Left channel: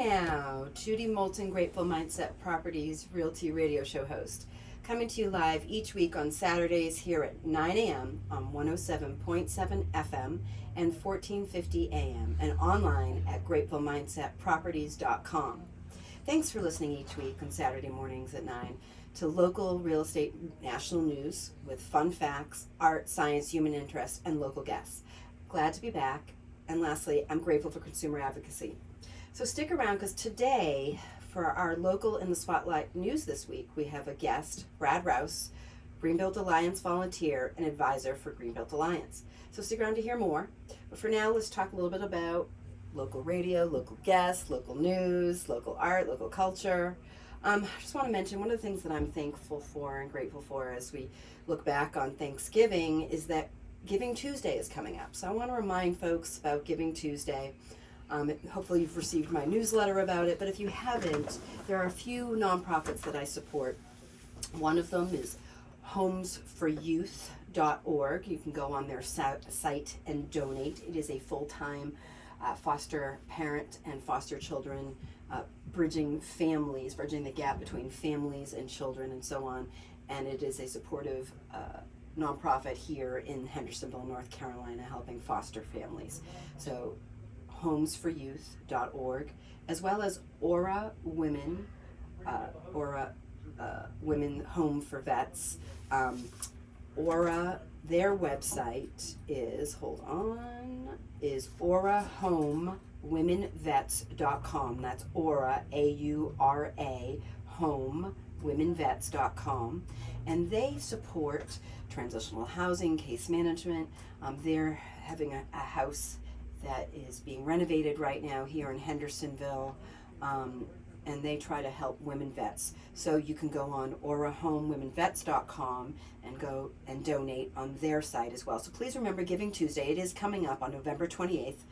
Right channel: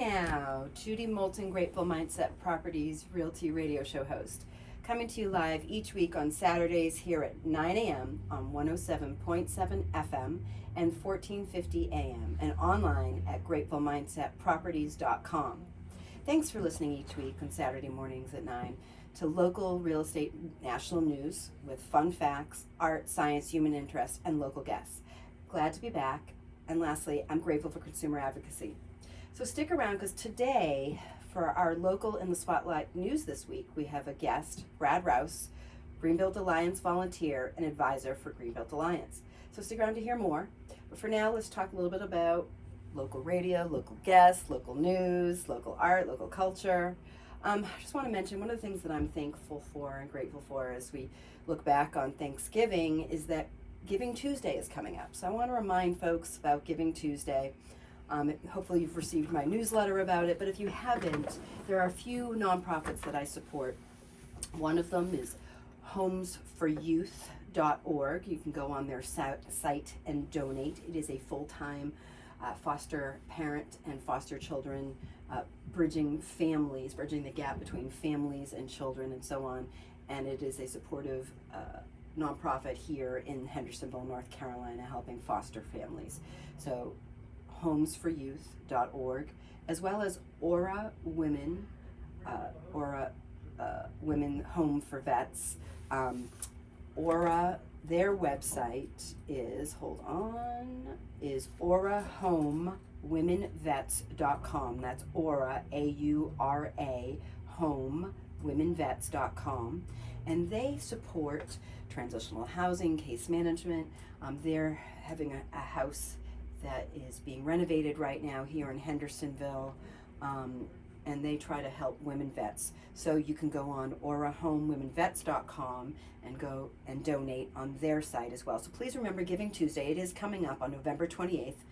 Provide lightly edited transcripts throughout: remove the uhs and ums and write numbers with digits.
now, Judy Moulton, Grateful Mindset Properties Realty Radio Show host, coming to you live each week on Saturdays here at 9 a.m. on 107.7 FM and 1450 a.m. and online at gratefulmindsetproperties.com. Thanks for listening each week on Saturday mornings at 9 to local real estate national news with fun facts, art, science, human interest, and local guests. Glad to be back. And lastly, I'm grateful for consumer advocacy. So stick around because today, for our local in the spotlight news this week, we have a guest, Brad Rouse, Greenbelt Alliance volunteer and advisor for Greenbelt Alliance. So stick around to hear more. But for now, let's talk a little bit about local radio, local guests, local news, local art, local culture. I just want to mention one of the things that I'm thankful for and grateful for as we look back on Thanksgiving is that Giving Tuesday is coming up. So I want to remind folks about Giving Tuesday. Hopefully you've received my newsletter about it, but if you haven't, there are a few nonprofits that I support. One of them is homesforyouth.org. You can go on their site and donate. It is a full-time foster parent and foster children, bridging the gap between families and children and so on. And it is a supportive nonprofit here in Hendersonville, North Carolina, helping foster families. So homesforyouth.org, as well as Aura Women, Women Home for Vets. Aura, their website is, aurahomewomenvets.com. That's Aura, A-U-R-A, homewomenvets.com. And they support transitional housing, case management. They're having a house that is being renovated right now here in Hendersonville, and they try to help women vets. So you can go on aurahomewomenvets.com and go and donate on their site as well. So please remember Giving Tuesday. It is coming up on November 28th,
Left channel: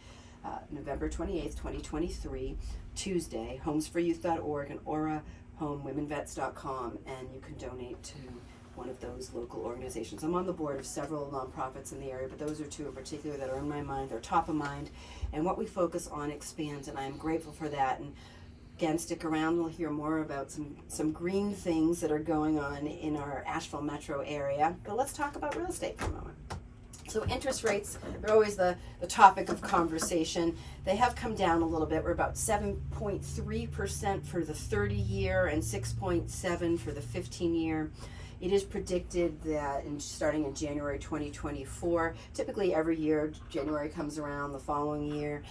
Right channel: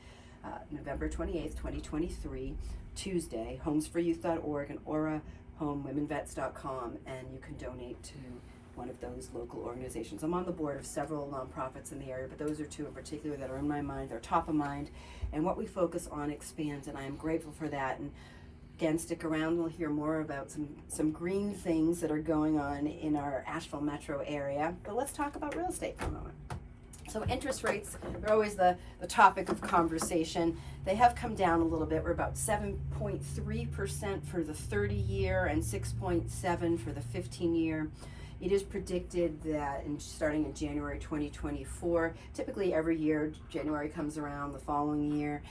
2023, Tuesday, homesforyouth.org and aurahomewomenvets.com, and you can donate to one of those local organizations. I'm on the board of several nonprofits in the area, but those are two in particular that are in my mind. They're top of mind, and what we focus on expands, and I am grateful for that. And again, stick around. We'll hear more about some green things that are going on in our Asheville metro area. But let's talk about real estate for a moment. So interest rates are always the topic of conversation. They have come down a little bit. We're about 7.3% for the 30-year and 6.7% for the 15-year. It is predicted that starting in January 2024, typically every year, January comes around the following year,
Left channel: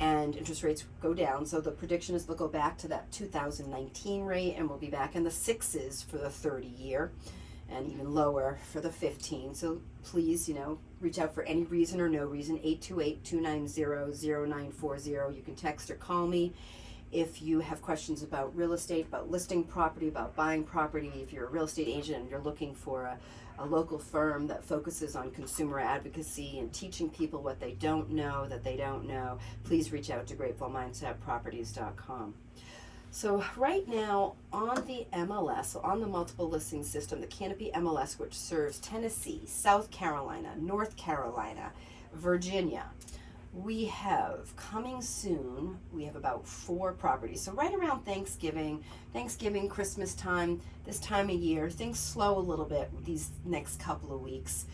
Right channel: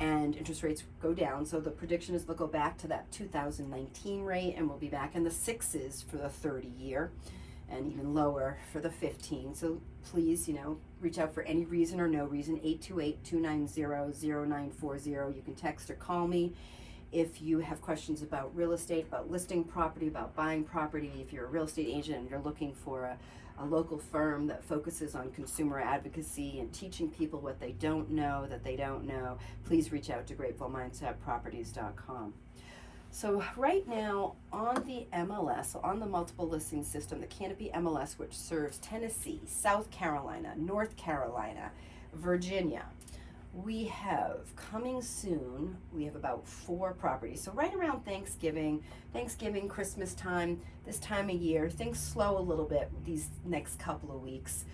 and interest rates go down. So the prediction is they'll go back to that 2019 rate, and we'll be back in the 6s for the 30-year, and even lower for the 15. So please, reach out for any reason or no reason, 828-290-0940. You can text or call me. If you have questions about real estate, about listing property, about buying property, if you're a real estate agent and you're looking for a local firm that focuses on consumer advocacy and teaching people what they don't know, please reach out to gratefulmindsetproperties.com. So right now on the MLS, so on the multiple listing system, the Canopy MLS, which serves Tennessee, South Carolina, North Carolina, Virginia, we have coming soon, we have about 4 properties. So right around Thanksgiving, Christmas time, this time of year, things slow a little bit these next couple of weeks.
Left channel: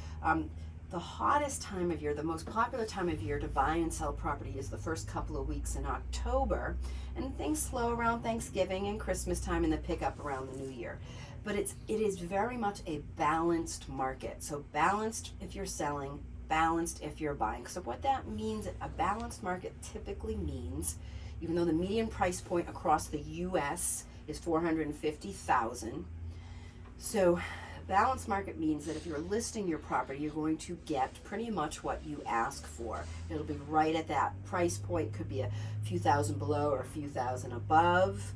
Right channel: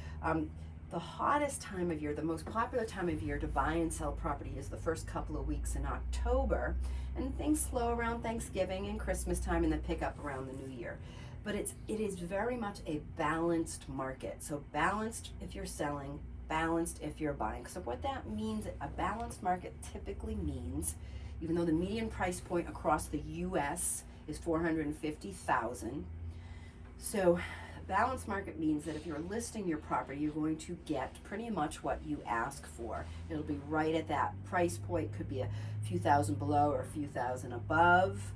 The hottest time of year, the most popular time of year to buy and sell property is the first couple of weeks in October, and things slow around Thanksgiving and Christmas time and then pick up around the new year. But it is very much a balanced market. So balanced if you're selling, balanced if you're buying. So what that means, a balanced market typically means, even though the median price point across the U.S. is $450,000, so balanced market means that if you're listing your property, you're going to get pretty much what you ask for. It'll be right at that price point. Could be a few thousand below or a few thousand above.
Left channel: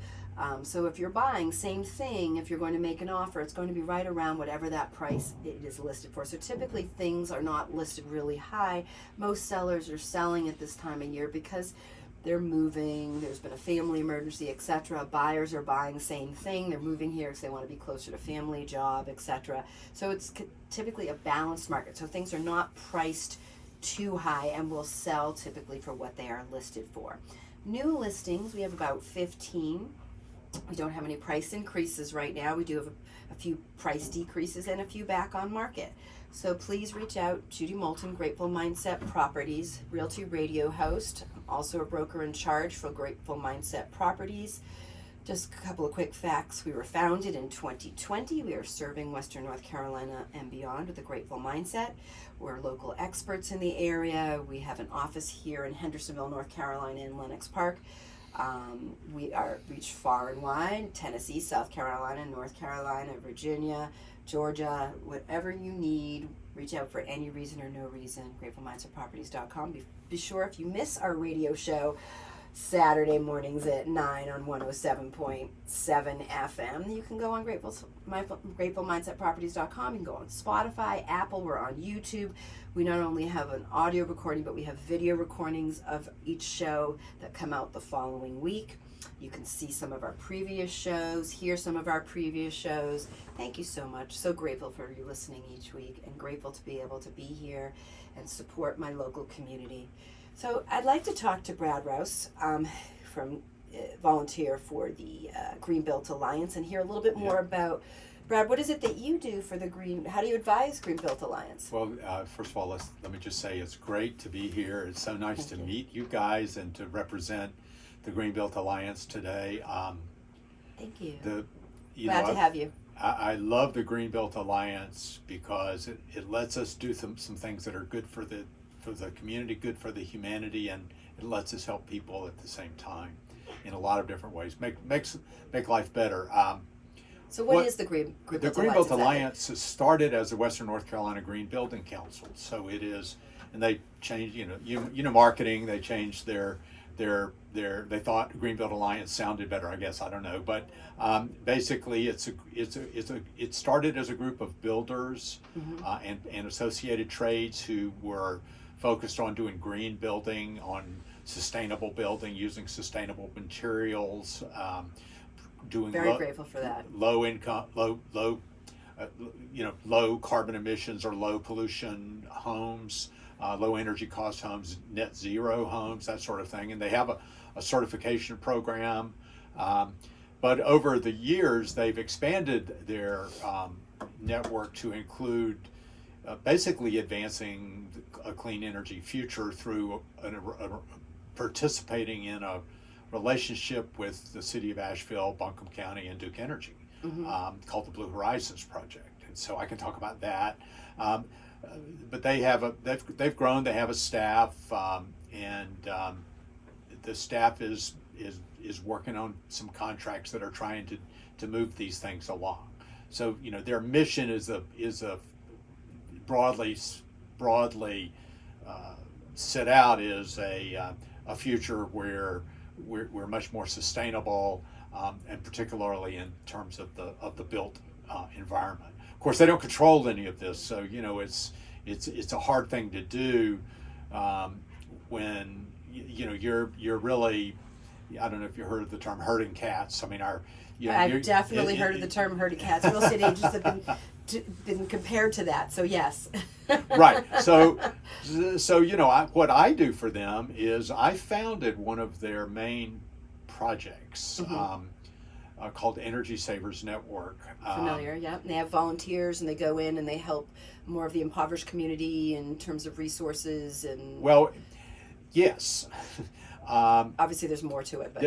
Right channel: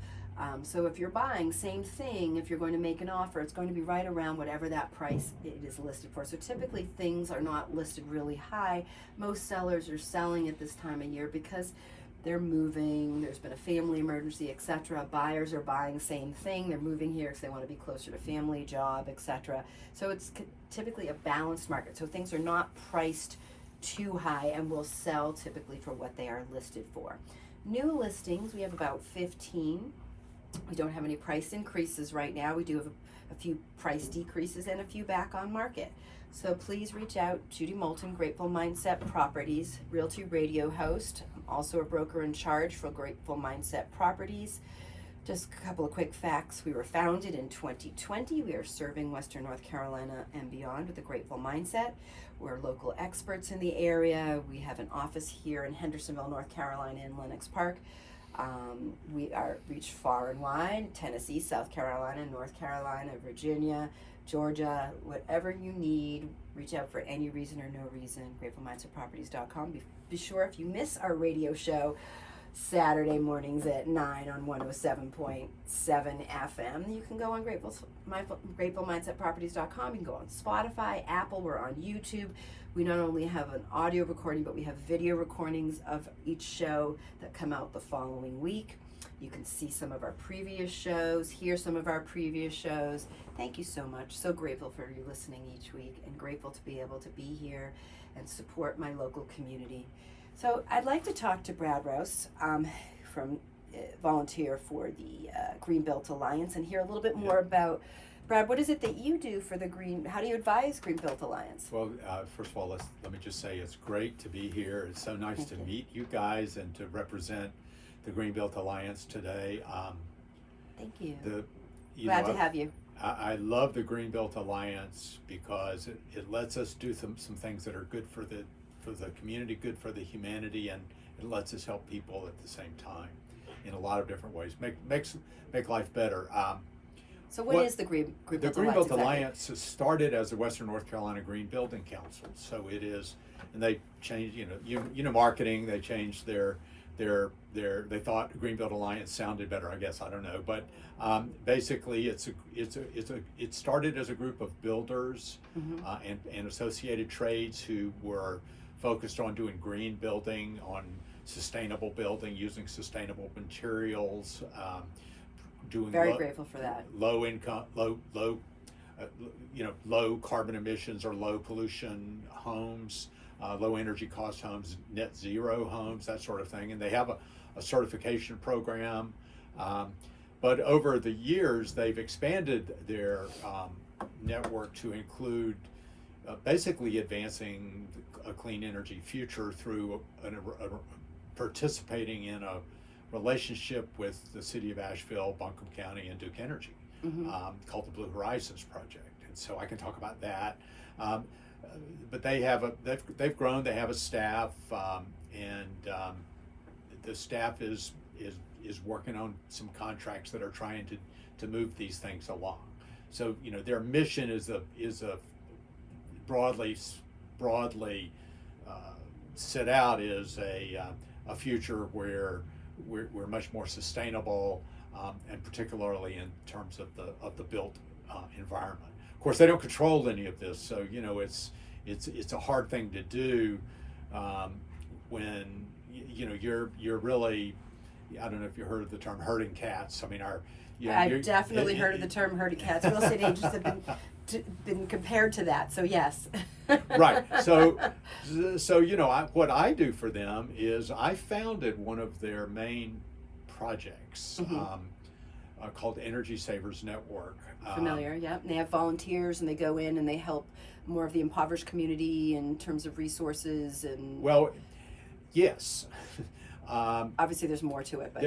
So if you're buying, same thing. If you're going to make an offer, it's going to be right around whatever that price it is listed for. So typically things are not listed really high. Most sellers are selling at this time of year because they're moving, there's been a family emergency, etc. Buyers are buying, same thing. They're moving here because they want to be closer to family, job, etc. So it's typically a balanced market. So things are not priced too high and will sell typically for what they are listed for. New listings, we have about 15. We don't have any price increases right now. We do have a few price decreases and a few back on market. So please reach out. Judy Moulton, Grateful Mindset Properties, Realty Radio host. I'm also a broker in charge for Grateful Mindset Properties. Just a couple of quick facts. We were founded in 2020. We are serving Western North Carolina and beyond with a Grateful Mindset. We're local experts in the area. We have an office here in Hendersonville, North Carolina, in Lenox Park. We are reach far and wide: Tennessee, South Carolina, North Carolina, Virginia, Georgia. Whatever you need, reach out for any reason or no reason. GratefulMindsetProperties.com. Be sure, if you miss our radio show Saturday mornings at 9 on 107.7 FM, you can go on GratefulMindsetProperties.com. You can go on Spotify, Apple. We're on YouTube. We not only have an audio recording, but we have video recordings of each show that come out the following week. You can see some of our previous shows, hear some of our previous shows. Thank you so much. So grateful for you listening each week, and grateful to be able to be here and support my local community. So I'd like to talk to Brad Rouse, from volunteer for the Greenbelt Alliance, and hear a little bit more about, Brad, what is it that you do for the how do you advise Greenbelt Alliance? Well, first of all, let me just say it's great to be here. It's so nice to meet you guys and to represent the Greenbelt Alliance today. Thank you. Glad to have you. I love the Greenbelt Alliance because it lets us do some things that are good for the community, good for the humanity, and it lets us help people at the same time in a lot of different ways. Make life better. So what is the Greenbelt Alliance? The Greenbelt Alliance has started as the Western North Carolina Green Building Council. So it is, and they changed, marketing. They changed they thought Greenbelt Alliance sounded better. I guess, I don't know, but basically it started as a group of builders and associated trades who were focused on doing green building, on sustainable building, using sustainable materials, doing very grateful for that. Low carbon emissions or low pollution homes, low energy cost homes, net zero homes, that sort of thing. And they have a certification program. But over the years, they've expanded their network to include basically advancing a clean energy future through participating in a relationship with the city of Asheville, Buncombe County, and Duke Energy called the Blue Horizons Project. And so I can talk about that. But they've grown. They have a staff, and the staff is working on some contracts that are trying to move these things along. So their mission is a broadly set out is a future where we're much more sustainable, and particularly in terms of the built environment. Of course, they don't control any of this, so it's a hard thing to do when you're really, I don't know if you heard of the term herding cats. I mean, I've definitely heard of the term herding cats. Real estate agents have been compared to that, so yes. Right. So what I do for them is I founded one of their main projects called Energy Savers Network. Familiar, yeah. And they have volunteers, and they go in and they help more of the impoverished community in terms of resources and. Well, yes. Obviously, there's more to it, but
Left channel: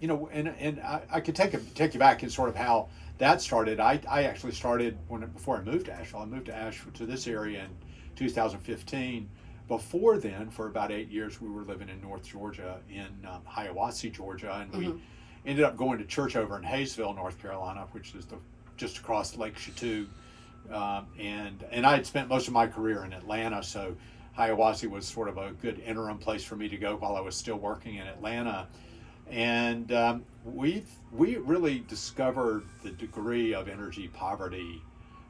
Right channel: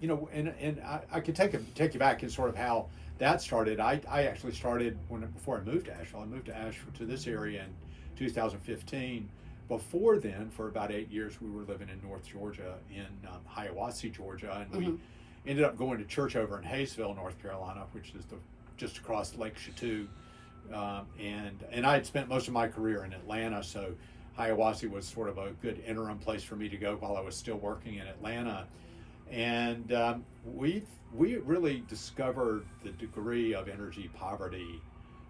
and I could take you back in sort of how that started. I actually started before I moved to Asheville. I moved to Asheville, to this area, in 2015. Before then, for about 8 years, we were living in North Georgia, in Hiawassee, Georgia, and we ended up going to church over in Hayesville, North Carolina, which is just across Lake Chateau. And I had spent most of my career in Atlanta, so Hiawassee was sort of a good interim place for me to go while I was still working in Atlanta. And we really discovered the degree of energy poverty.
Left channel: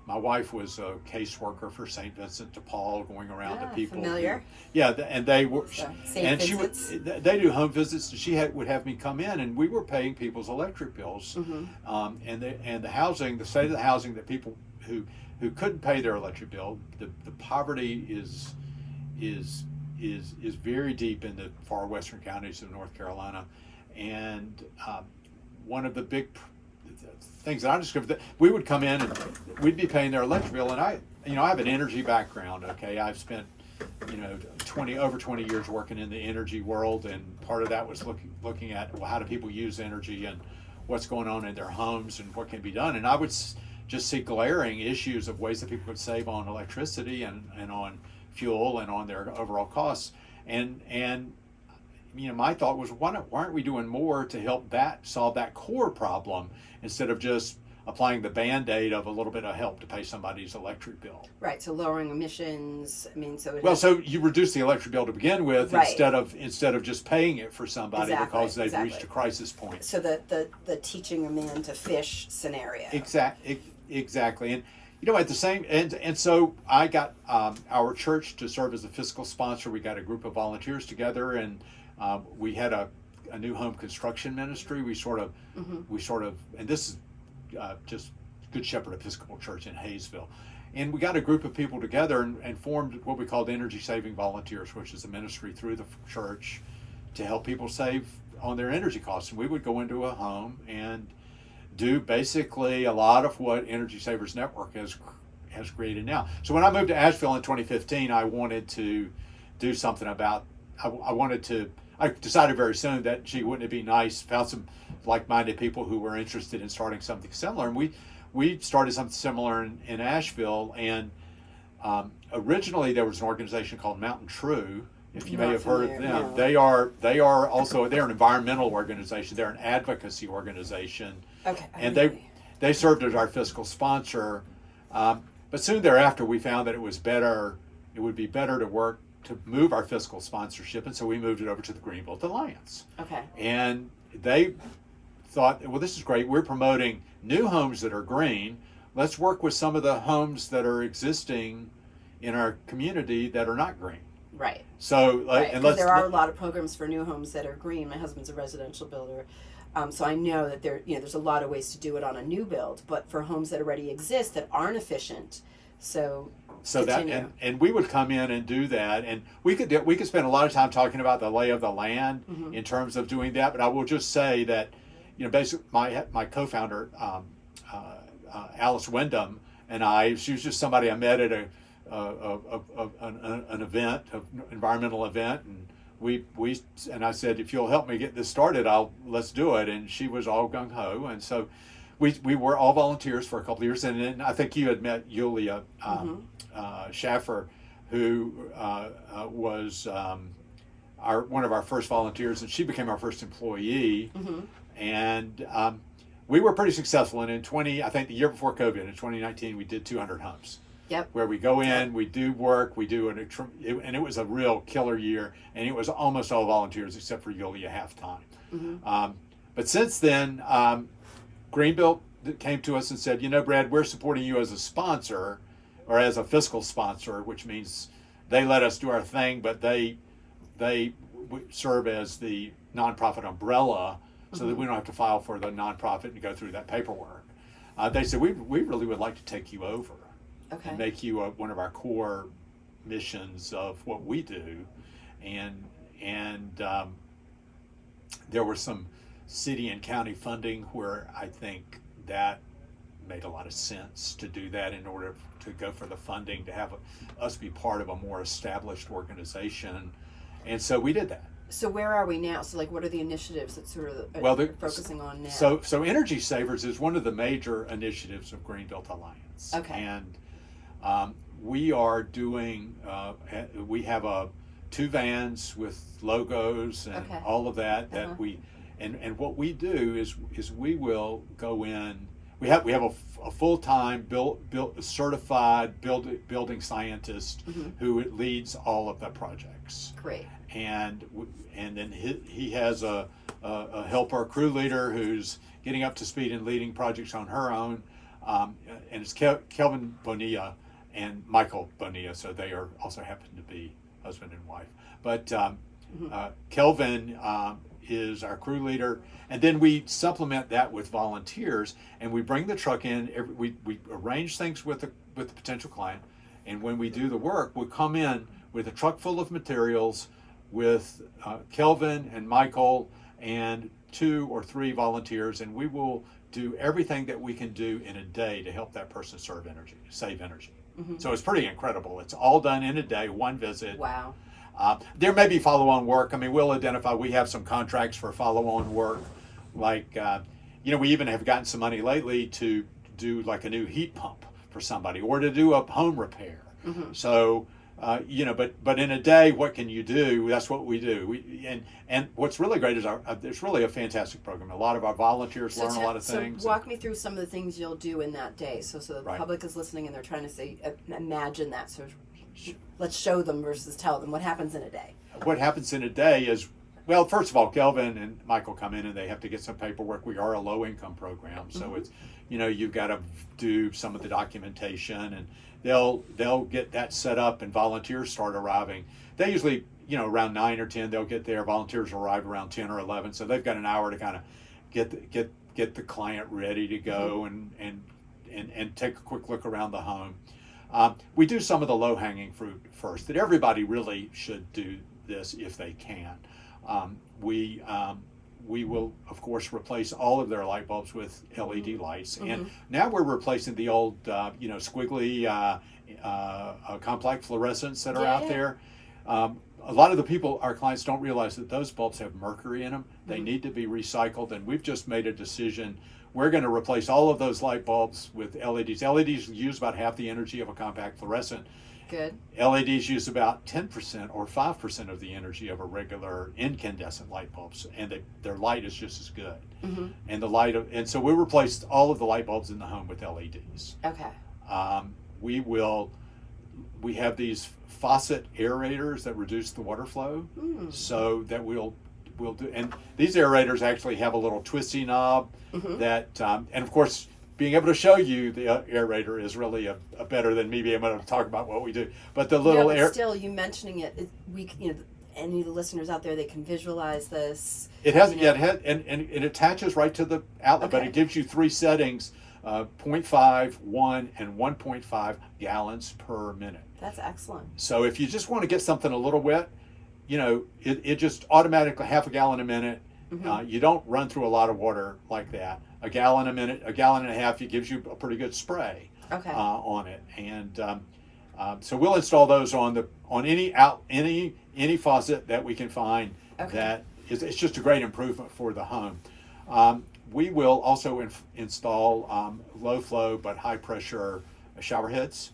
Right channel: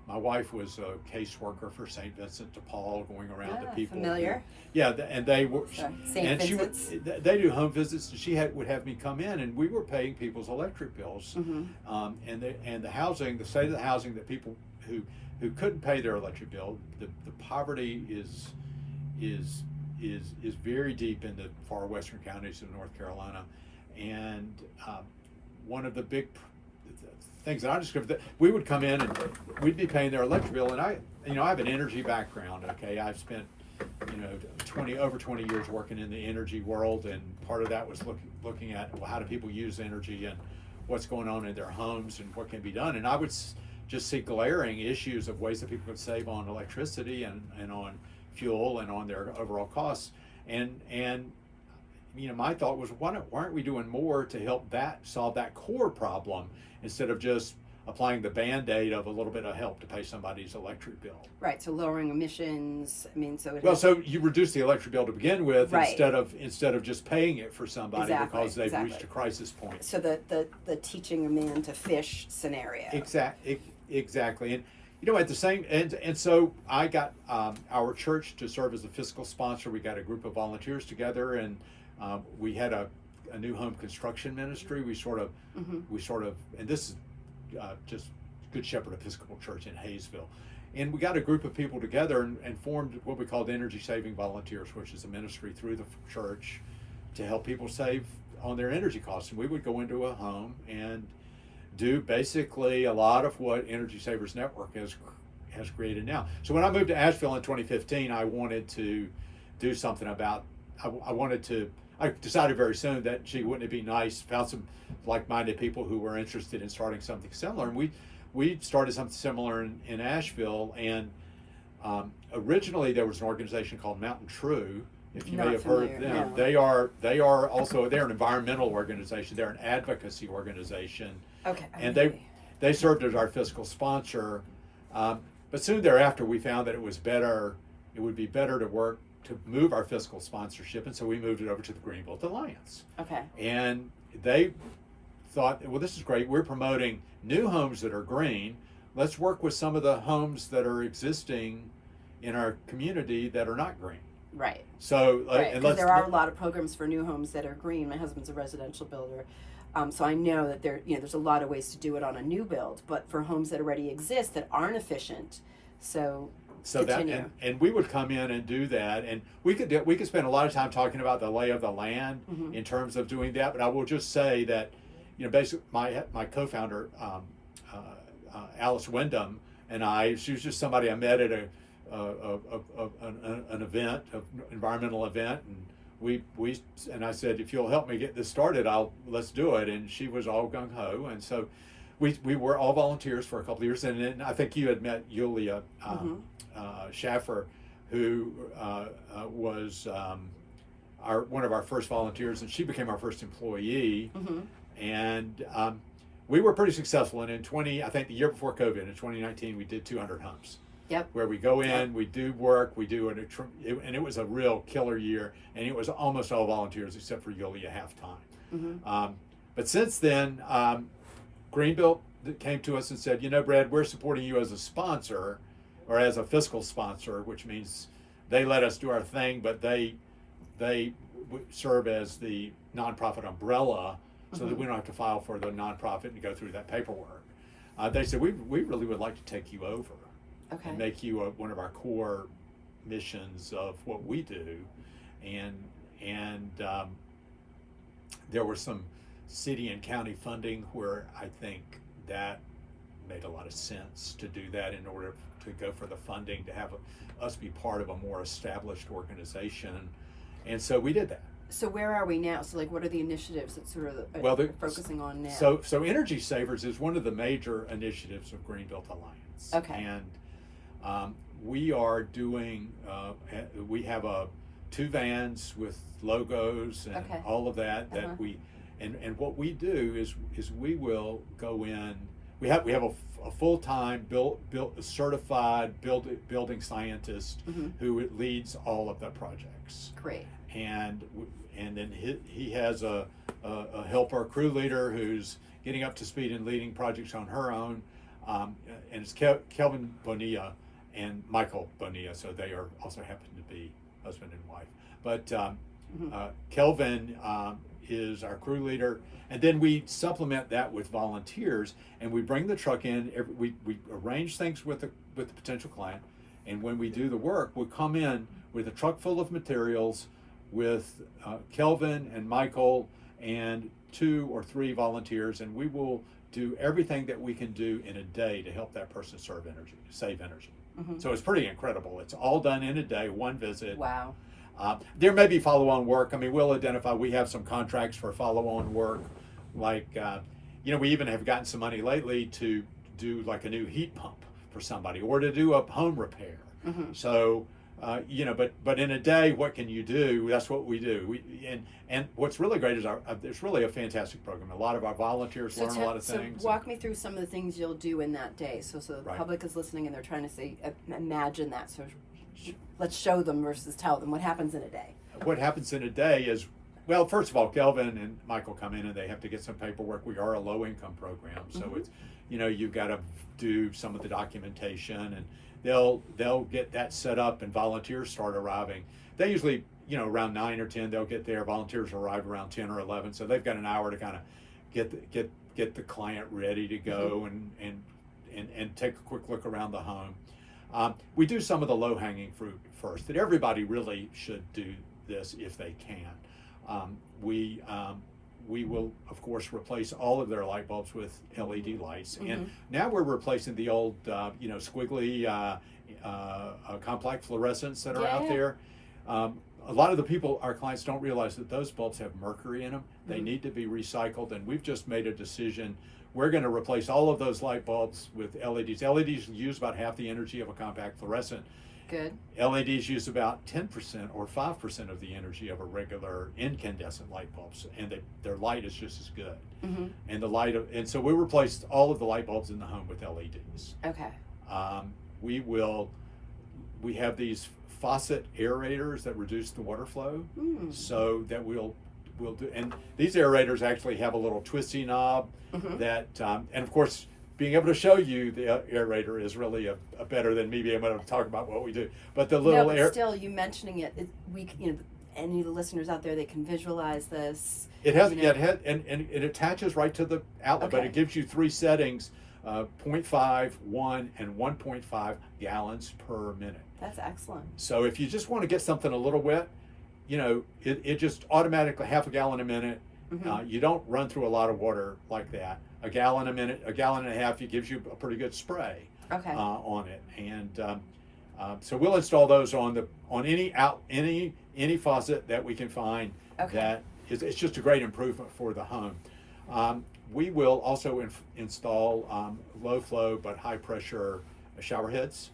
My wife was a caseworker for St. Vincent de Paul, going around to people. Familiar. And they were. St. Vincent's. They do home visits. And she would have me come in, and we were paying people's electric bills, and the housing, the state of the housing that people who couldn't pay their electric bill. The poverty is is very deep in the far western counties of North Carolina, and one of the big things that I discovered, that we would come in and we'd be paying their electric bill, and I have an energy background. Okay, I've spent over 20 years working in the energy world, and part of that was looking at, well, how do people use energy and what's going on in their homes and what can be done. And I would just see glaring issues of ways that people could save on electricity and on fuel and on their overall costs. And my thought was, why aren't we doing more to help solve that core problem instead of just applying the Band-Aid of a little bit of help to pay somebody's electric bill? Right, so lowering emissions. I mean, so you reduce the electric bill to begin with, right, instead of just paying it for somebody because they've reached a crisis point. So the teaching a man to fish scenario. Exactly. And at the same and so I got our church to serve as a fiscal sponsor. We got a group of volunteers together, and we had a new home construction ministry. We sort of and this is just Good Shepherd Episcopal Church in Hayesville. And we got a group of people together and formed what we called Energy Saving Volunteers, which is a ministry through the church to help people save on their energy costs. And we would go into a home and do basically a lot of what Energy Savers Network has created now. So when I moved to Asheville in 2015, I wanted to do something about, I decided very soon that, wouldn't it be nice, found some like-minded people who were interested in starting something similar. And we started something similar in Asheville. And originally there was an organization called Mountain True. If you may have heard of them, no. They are they're an environmental organization. They're an advocacy organization. Okay. And they served as our fiscal sponsor. But soon thereafter, we found that it would be better to move our fiscal sponsorship, and so we moved it over to the Greenbelt Alliance. Okay. And they thought, well, this is great. We're promoting new homes that are green. Let's work with some of the homes that are existing in our community that are not green. Right. So, because there are a lot of programs for new homes that are green. My husband's a residential builder, so I know that there's a lot of ways to do it on a new build, but for homes that already exist that aren't efficient. So continue. And we would come in and do that, and we could spend a lot of time talking about the lay of the land in terms of doing that. But I will just say that, basically my co-founder Alice Wyndham and she was just somebody I met at an event, an environmental event, and I said, if you'll help me get this started, let's do it. And she was all gung ho, and so we were all volunteers for a couple of years. And then I think you had met Yulia Schaffer, who was one of our first volunteers, and she became our first employee. And we were pretty successful. And I think the year before COVID, in 2019, we did 200 homes. Yep. Where we go in, we do work, and it was a real killer year, and it was almost all volunteers except for Yulia half-time. But since then, Greenbelt came to us and said, Brad, we're supporting you as a sponsor, or as a fiscal sponsor, which means they let us do our thing, but they serve as the nonprofit umbrella, so that we don't have to file for the nonprofit and go through that paperwork. They said, we really would like to take you over. Okay. And make you one of our core missions of what we do, and there was some city and county funding where I think that made a lot of sense to do that in order to go for the funding to have us be part of a more established organization, and so we did that. So where are we now? So what are the initiatives that sort of they're focusing on now? So Energy Savers is one of the major initiatives of Greenbelt Alliance. Okay. And we are doing, we have 2 vans with logos and all of that and what we do is we will go in, we have a full-time certified building scientist who leads all of the projects. Great. And then he has a helper crew leader who's getting up to speed and leading projects on her own, and it's Kelvin Bonilla and Michael Bonilla, so they are also happen to be husband and wife. But Kelvin is our crew leader, and then we supplement that with volunteers, and we bring the truck in. We arrange things with the potential client, and when we do the work, we come in with a truck full of materials, with Kelvin and Michael and 2 or 3 volunteers, and we will do everything that we can do in a day to help that person save energy. So it's pretty incredible. It's all done in a day, one visit. Wow. There may be follow-on work. I mean, we'll identify, we have some contracts for follow-on work. Like, we even have gotten some money lately to do like a new heat pump for somebody or to do a home repair. So, but in a day, what can you do? That's what we do. And what's really great is it's really a fantastic program. A lot of our volunteers learn a lot of things. So walk me through some of the things you'll do in that day. So the Right. public is listening and they're trying to say, imagine that. So let's show them versus tell them what happens in a day. What happens in a day is, well, first of all, Kelvin and Michael come in and they have to get some paperwork. We are a low-income program, so it's, you've got to do some of the documentation, and they'll get that set up, and volunteers start arriving. They usually, around 9 or 10, they'll get there. Volunteers arrive around 10 or 11, so they've got an hour to kind of get the client ready to go and take a quick look around the home. We do some of the low-hanging fruit first. That everybody really should do this if they can. We will, of course, replace all of their light bulbs with LED lights, and now we're replacing the old, squiggly, complex fluorescents that are out there. A lot of the people, our clients, don't realize that those bulbs have mercury in them. They need to be recycled, and we've just made a decision. We're going to replace all of those light bulbs with LEDs. LEDs use about half the energy of a compact fluorescent. Good. LEDs use about 10% or 5% of the energy of a regular incandescent light bulbs, and their light is just as good. And so we replaced all of the light bulbs in the home with LEDs. Okay. We have these faucet aerators that reduce the water flow, so that we'll do. And these aerators actually have a little twisty knob that, and of course, being able to show you the aerator is really a better than me being able to talk about what we do. But the little still, you mentioning it, any of the listeners out there, they can visualize this. It has, and it attaches right to the outlet, but it gives you 3 settings: 0.5, 1, and 1.5 gallons per minute. That's excellent. So if you just want to get something a little wet, it just automatically half a gallon a minute. You don't run through a lot of water like that. A gallon a minute, a gallon and a half, it gives you a pretty good spray on it. And so we'll install those on any faucet that we can find. That is, it's just a great improvement for the home. We will also install low flow but high pressure shower heads.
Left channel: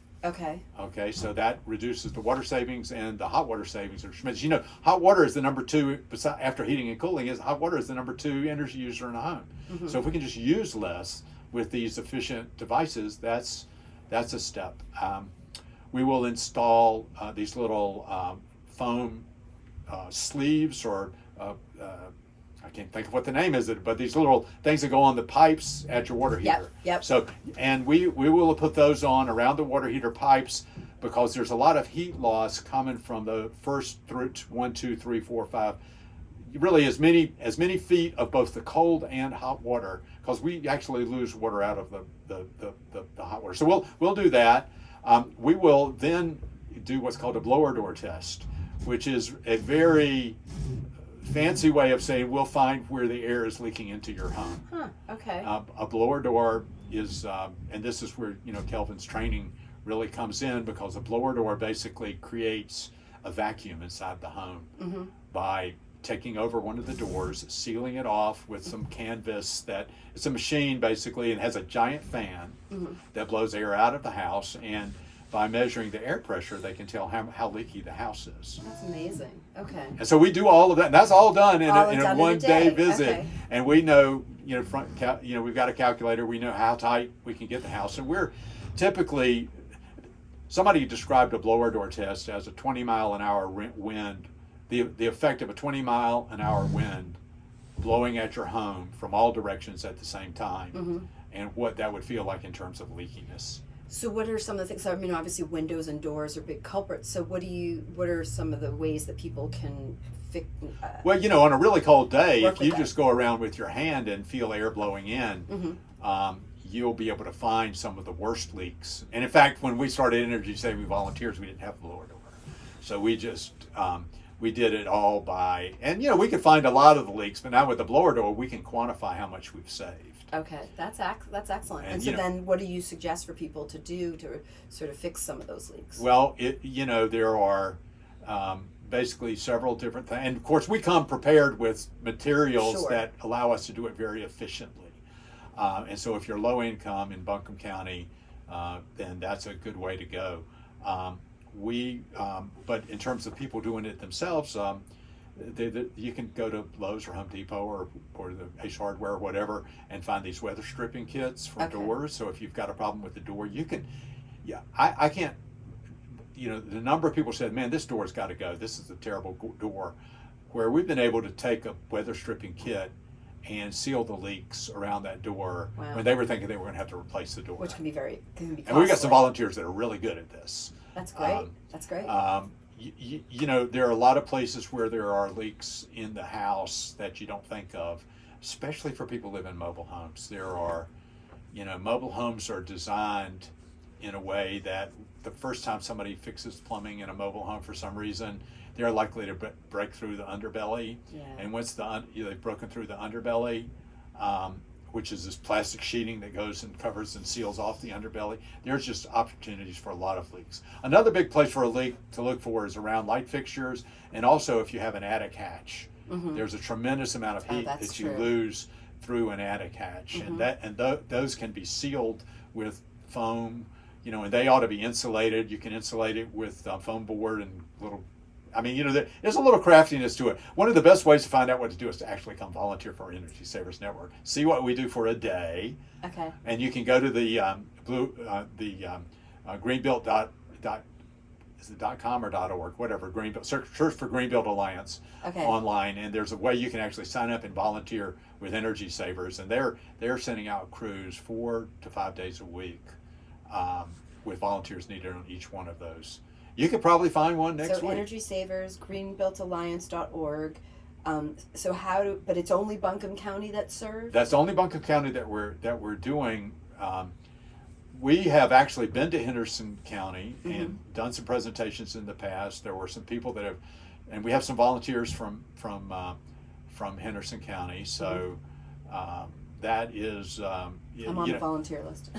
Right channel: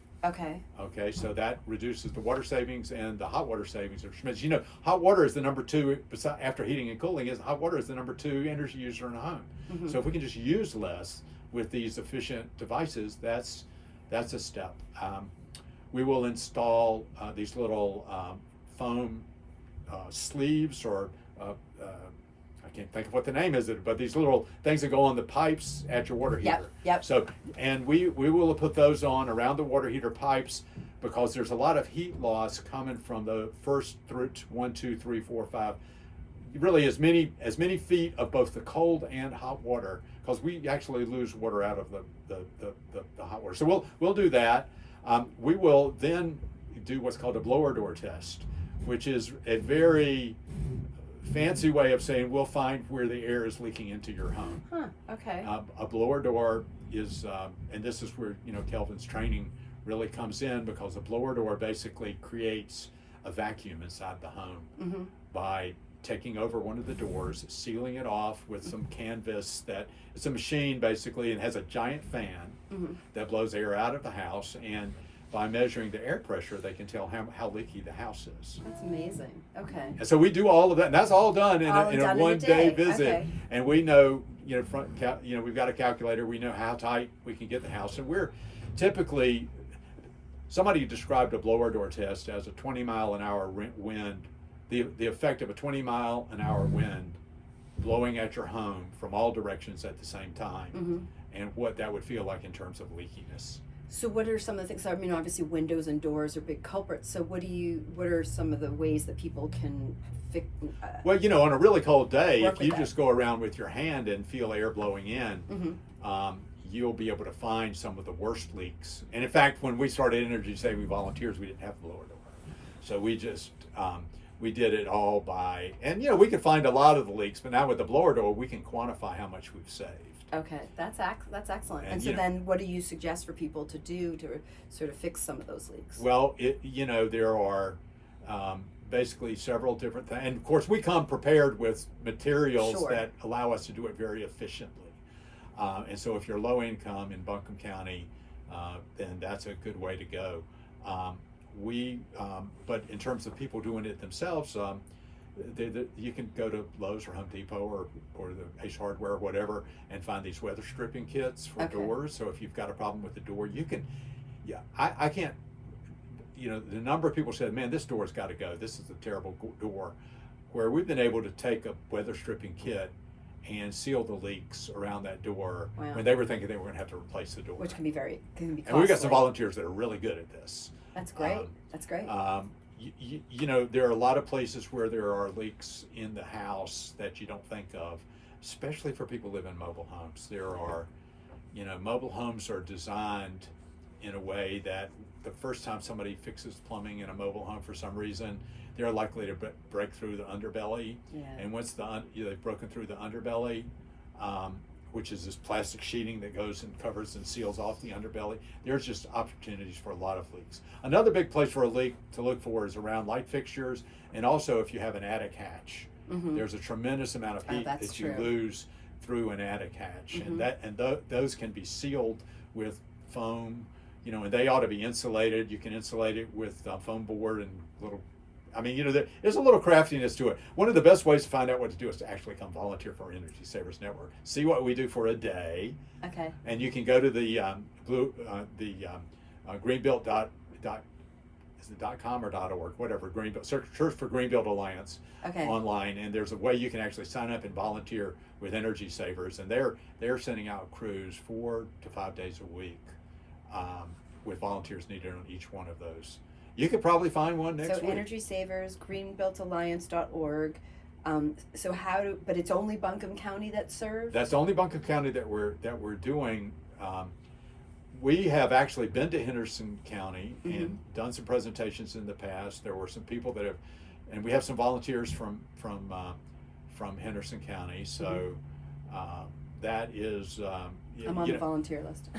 Okay, so that reduces the water savings, and the hot water savings are tremendous. Hot water is the number 2, after heating and cooling, hot water is the number 2 energy user in a home. So if we can just use less with these efficient devices, that's a step. We will install these little foam sleeves, or I can't think of what the name is, but these little things that go on the pipes at your water heater. Yep. So, and we will put those on around the water heater pipes, because there's a lot of heat loss coming from the first 1, 2, 3, 4, 5, really as many feet of both the cold and hot water, because we actually lose water out of the hot water. So we'll do that. We will then do what's called a blower door test, which is a very fancy way of saying we'll find where the air is leaking into your home. Okay. A blower door is, and this is where Kelvin's training really comes in, because a blower door basically creates a vacuum inside the home by taking over one of the doors, sealing it off with some canvas. That it's a machine basically, and has a giant fan that blows air out of the house, and by measuring the air pressure, they can tell how leaky the house is. That's amazing. Okay. And so we do all of that, and that's all done in a one-day visit. Okay. And we know, we've got a calculator. We know how tight we can get the house, and we're typically. Somebody described a blower door test as a 20-mile-an-hour wind. The effect of a 20-mile-an-hour wind blowing at your home from all directions at the same time, and what that would feel like in terms of leakiness. So what are some of the things? I mean, obviously windows and doors are big culprits. So what are some of the ways that people can fix? Well, on a really cold day, if you just go around with your hand and feel air blowing in, you'll be able to find some of the worst leaks. And in fact, when we started Energy Saving Volunteers, we didn't have a blower door. So we just we did it all by, and we can find a lot of the leaks, but now with the blower door, we can quantify how much we've saved. Okay, that's excellent. And And, so then, what do you suggest for people to do to sort of fix some of those leaks? Well, there are basically several different things, and of course, we come prepared with materials Sure. that allow us to do it very efficiently. And so, if you're low income in Buncombe County, then that's a good way to go. But in terms of people doing it themselves, you can go to Lowe's or Home Depot or the Ace Hardware or whatever and find these weather stripping kits for Okay. doors. So if you've got a problem with the door, you can, I can't, the number of people said, man, this door's got to go. This is a terrible door. Where we've been able to take a weather stripping kit and seal the leaks around that door Wow. when they were thinking they were going to have to replace the door. Which can be very costly. And we've got some volunteers that are really good at this. That's great. That's great. There are a lot of places where there are leaks in the house that you don't think of, especially for people who live in mobile homes. There are, mobile homes are designed in a way that the first time somebody fixes plumbing in a mobile home for some reason, they're likely to break through the underbelly. Yeah. And once they've broken through the underbelly, which is this plastic sheeting that goes and covers and seals off the underbelly, there's just opportunities for a lot of leaks. Another big place for a leak to look for is around light fixtures, and also if you have an attic hatch. Mm-hmm. There's a tremendous amount of heat that's that you true. lose through an attic hatch, Mm-hmm. and those can be sealed with foam, and they ought to be insulated. You can insulate it with foam board and little. There's a little craftiness to it. One of the best ways to find out what to do is to actually come volunteer for our Energy Savers Network. See what we do for a day, Okay. and you can go to the greenbuilt is it .com or .org, whatever, Greenbuilt, search for Greenbuilt Alliance Okay. online, and there's a way you can actually sign up and volunteer with Energy Savers, and they're sending out crews 4 to 5 days a week with volunteers needed on each one of those. You could probably find one next So week. Energy Savers, greenbuiltalliance.org. But it's only Buncombe County that's served? That's only Buncombe County that we're doing. We have actually been to Henderson County and done some presentations in the past. There were some people that have, and we have some volunteers from Henderson County. So that is. I'm on the volunteer list.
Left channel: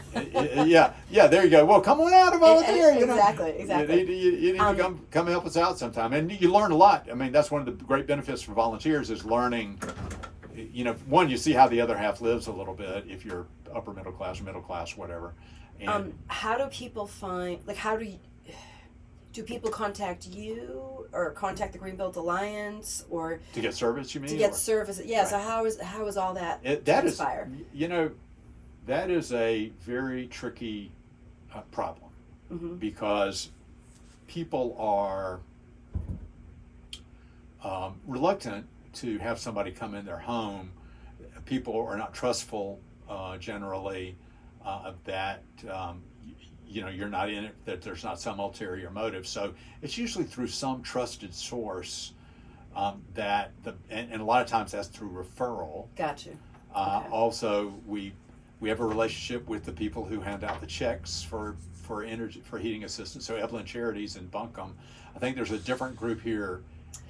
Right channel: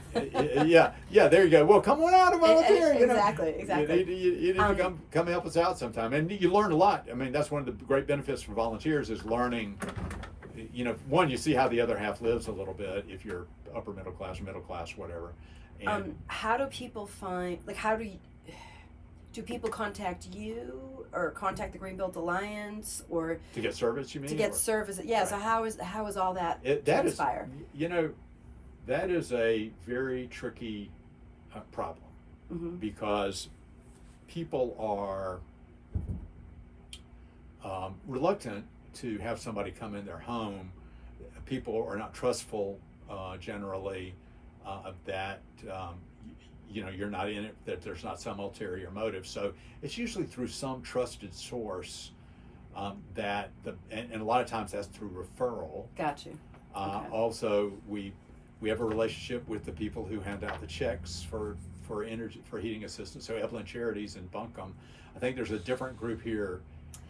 Yeah, there you go. Well, come on out and volunteer. Exactly. You need to come help us out sometime, and you learn a lot. That's one of the great benefits for volunteers is learning. One, you see how the other half lives a little bit if you're upper middle class, whatever. And How do people find? Do people contact you or contact the Greenbuilt Alliance or to get service, you mean? to get Or- service? Yeah. Right. So how is all that that is, transpire? that is a very tricky problem Mm-hmm. because people are reluctant to have somebody come in their home. People are not trustful generally that you're not in it, that there's not some ulterior motive. So it's usually through some trusted source and a lot of times that's through referral. Got you. Okay. Also, we have a relationship with the people who hand out the checks for heating assistance. So Evelyn Charities in Buncombe. I think there's a different group here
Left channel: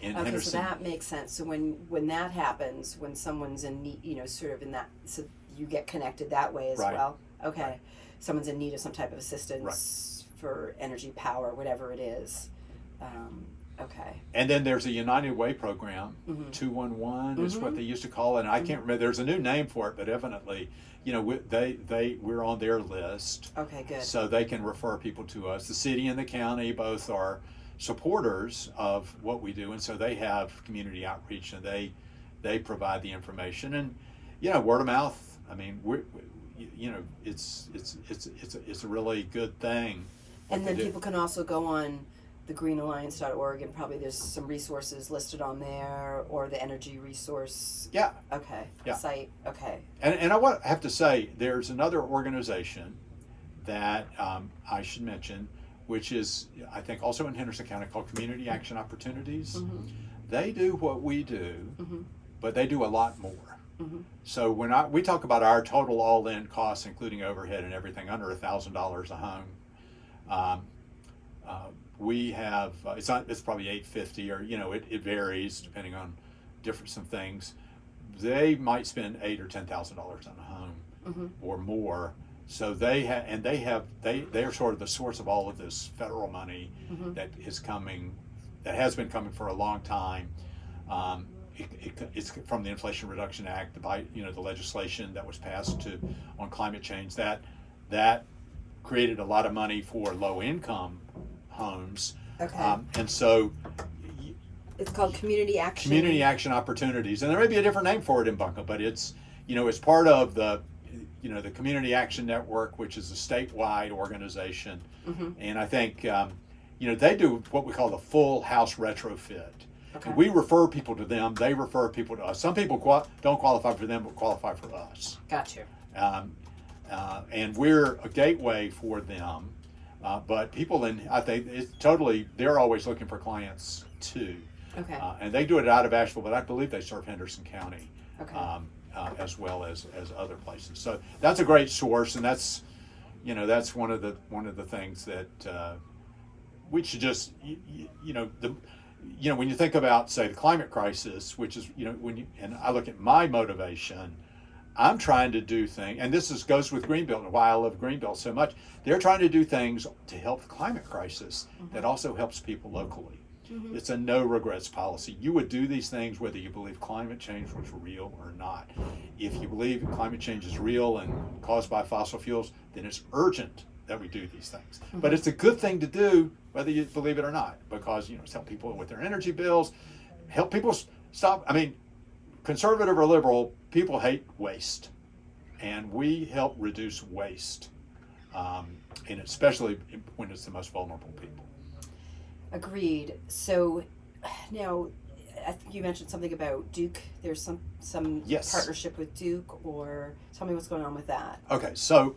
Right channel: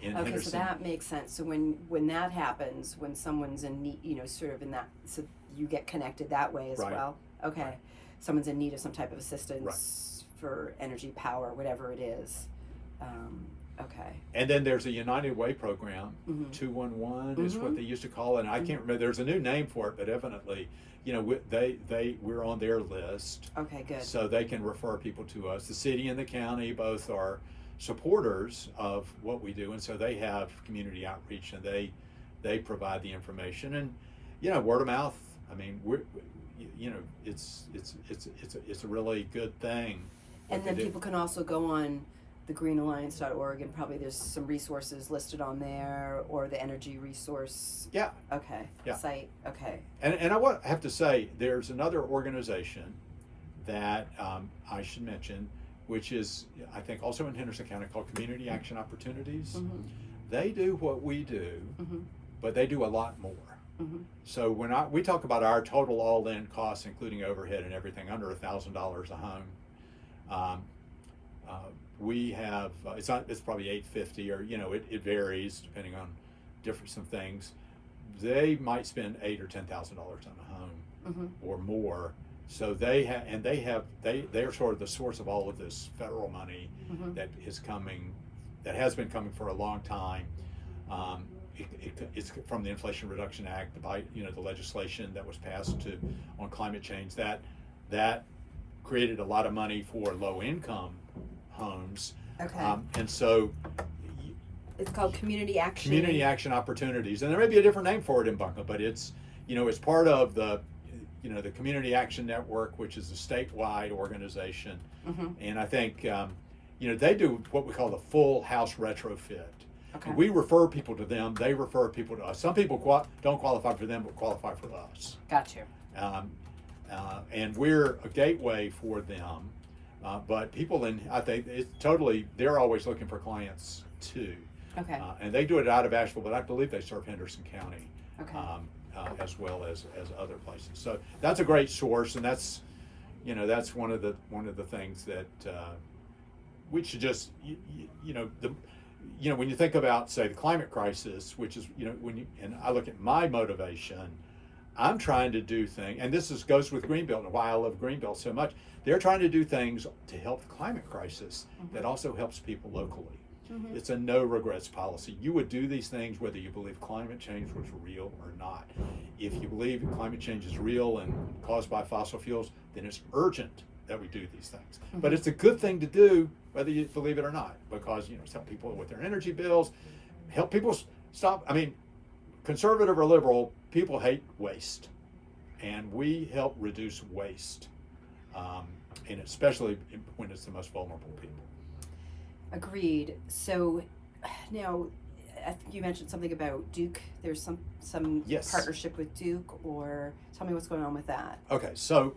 in Okay, Henderson. so that makes sense. So when that happens, when someone's in need, sort of in that, so you get connected that way as Right. well. Okay, Right. someone's in need of some type of assistance for energy, power, whatever it is. Okay. And then there's a United Way program, Mhm. 211 is what Mhm. they used to call it. And I can't remember, there's a new name for it, but evidently, we're on their list. Okay, good. So they can refer people to us. The city and the county both are supporters of what we do, and so they have community outreach, and they provide the information, and word of mouth. It's a really good thing. And what then they do. people can also go on the greenalliance.org and probably there's some resources listed on there or the energy resource. Yeah. Okay. Yeah. Site. Okay. And I have to say, there's another organization that I should mention, which is, I think, also in Henderson County, called Community Action Opportunities. Mm-hmm. They do what we do, Mm-hmm. but they do a lot more. Mm-hmm. So when we talk about our total all-in costs, including overhead and everything, under $1,000 a home, we have it's probably $850, or it varies depending on some things. They might spend $8,000 or $10,000 on a home or more. So they are sort of the source of all of this federal money that has been coming for a long time. It's from the Inflation Reduction Act, the legislation that was passed on climate change that created a lot of money for low income homes. Okay. And so It's called Community Action. Community Action Opportunities, and there may be a different name for it in Bunko, but it's part of the Community Action Network, which is a statewide organization, and I think they do what we call the full house retrofit. Okay. And we refer people to them; they refer people to us. Some people don't qualify for them, but qualify for us. Gotcha. And we're a gateway for them. But people I think they're always looking for clients too. Okay. And they do it out of Asheville, but I believe they serve Henderson County, Okay. As well as other places. So that's a great source, and that's one of the things that we should just when you think about, say, the climate crisis, which is and I look at my motivation. I'm trying to do things, and this goes with Greenbelt, and why I love Greenbelt so much. They're trying to do things to help the climate crisis that also helps people locally. It's a no regrets policy. You would do these things whether you believe climate change was real or not. If you believe climate change is real and caused by fossil fuels, then it's urgent that we do these things. But it's a good thing to do whether you believe it or not, because it's help people with their energy bills, help people stop. I mean, conservative or liberal, people hate waste, and we help reduce waste, and especially when it's the most vulnerable people. Agreed. So now, I think you mentioned something about Duke. There's some Yes. partnership with Duke, or tell me what's going on with that. Okay, so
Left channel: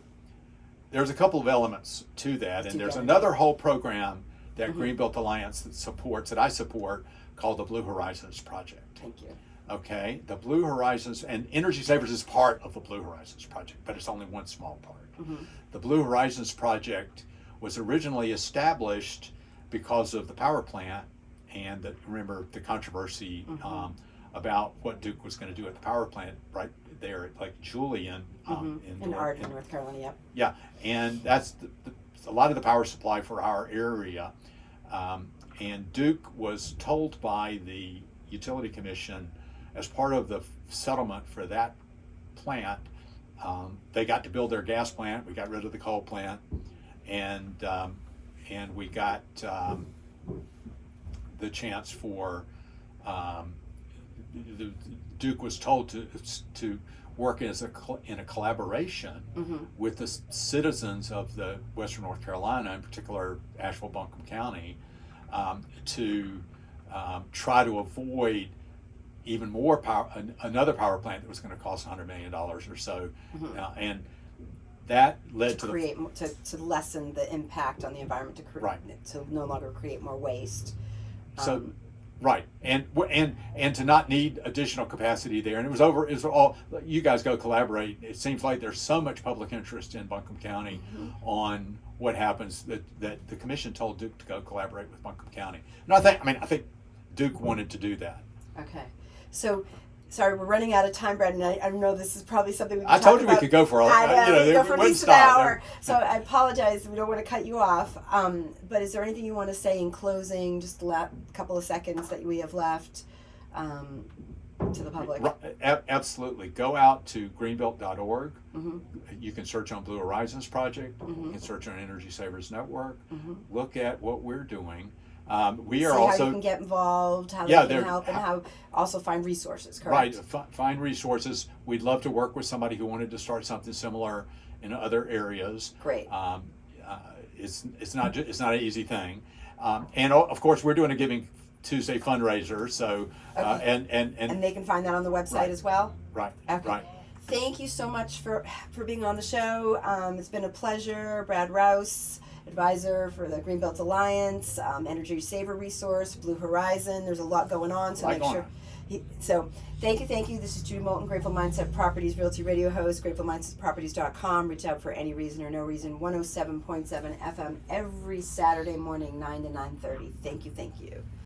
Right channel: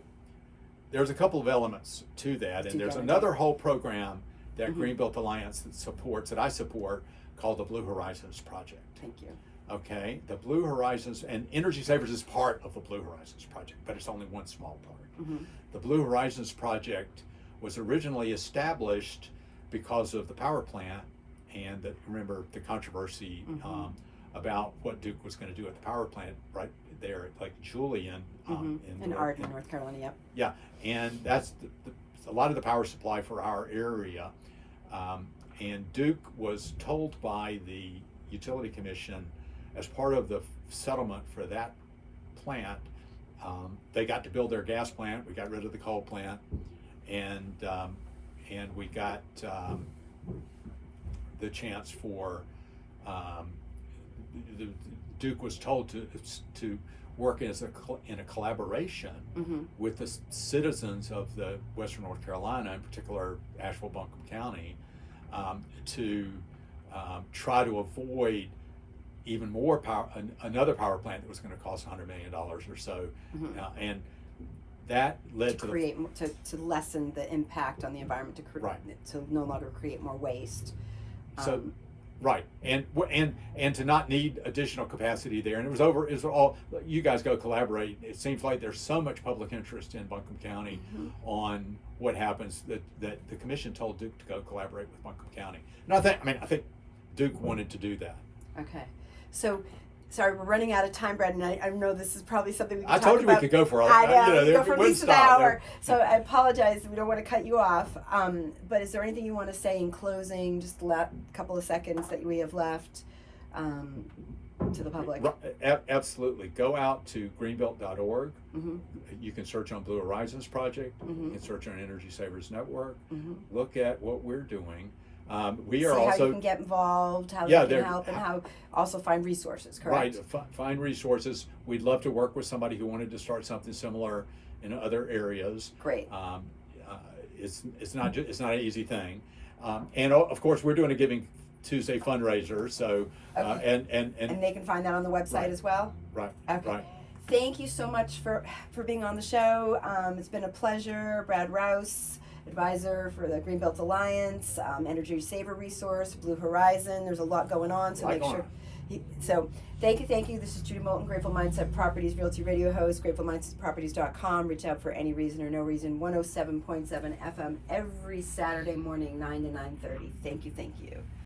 there's a couple of elements to that, and there's another whole program that Greenbelt Alliance that I support, called the Blue Horizons Project. Thank you. Okay, the Blue Horizons, and Energy Savers is part of the Blue Horizons Project, but it's only one small part. The Blue Horizons Project was originally established because of the power plant, and remember the controversy about what Duke was going to do at the power plant right there at Lake Julian in Arden, North Carolina. Yep. Yeah, and that's a lot of the power supply for our area, and Duke was told by the Utility Commission, as part of the settlement for that plant, they got to build their gas plant. We got rid of the coal plant, and we got the chance for Duke was told to work in a collaboration with the citizens of the Western North Carolina, in particular Asheville, Buncombe County, to try to avoid even more power, another power plant that was going to cost $100 million or so, and that led to lessen the impact on the environment, to no longer create more waste. So, right, and to not need additional capacity there, and it was all. You guys go collaborate. It seems like there's so much public interest in Buncombe County on what happens that the commission told Duke to go collaborate with Buncombe County, and I think Duke wanted to do that. Okay, so. Sorry, we're running out of time, Brad, and I know this is probably something we can I talk told you about. we could go for at least an hour. So I apologize. We don't want to cut you off. But is there anything you want to say in closing? Just a couple of seconds that we have left to the public. Absolutely. Go out to greenbelt.org. You can search on Blue Horizons Project. You can search on Energy Savers Network. Look at what we're doing. We are also how you can get involved, how they can help, and how also find resources. Correct. Right, find resources. We'd love to work with somebody who wanted to start something similar in other areas. Great. It's not an easy thing, and of course we're doing a Giving Tuesday fundraiser. So and they can find that on the website as well. Right. Okay. Right. Thank you so much for being on the show. It's been a pleasure. Brad Rouse, advisor for the Greenbelt Alliance, Energy Saver Resource, Blue Horizon. There's a lot going on, so make sure So thank you. This is Judy Moulton, Grateful Mindset Properties Realty Radio host, gratefulmindsetproperties.com. Reach out for any reason or no reason. 107.7 FM every Saturday morning, 9 to 9:30. Thank you.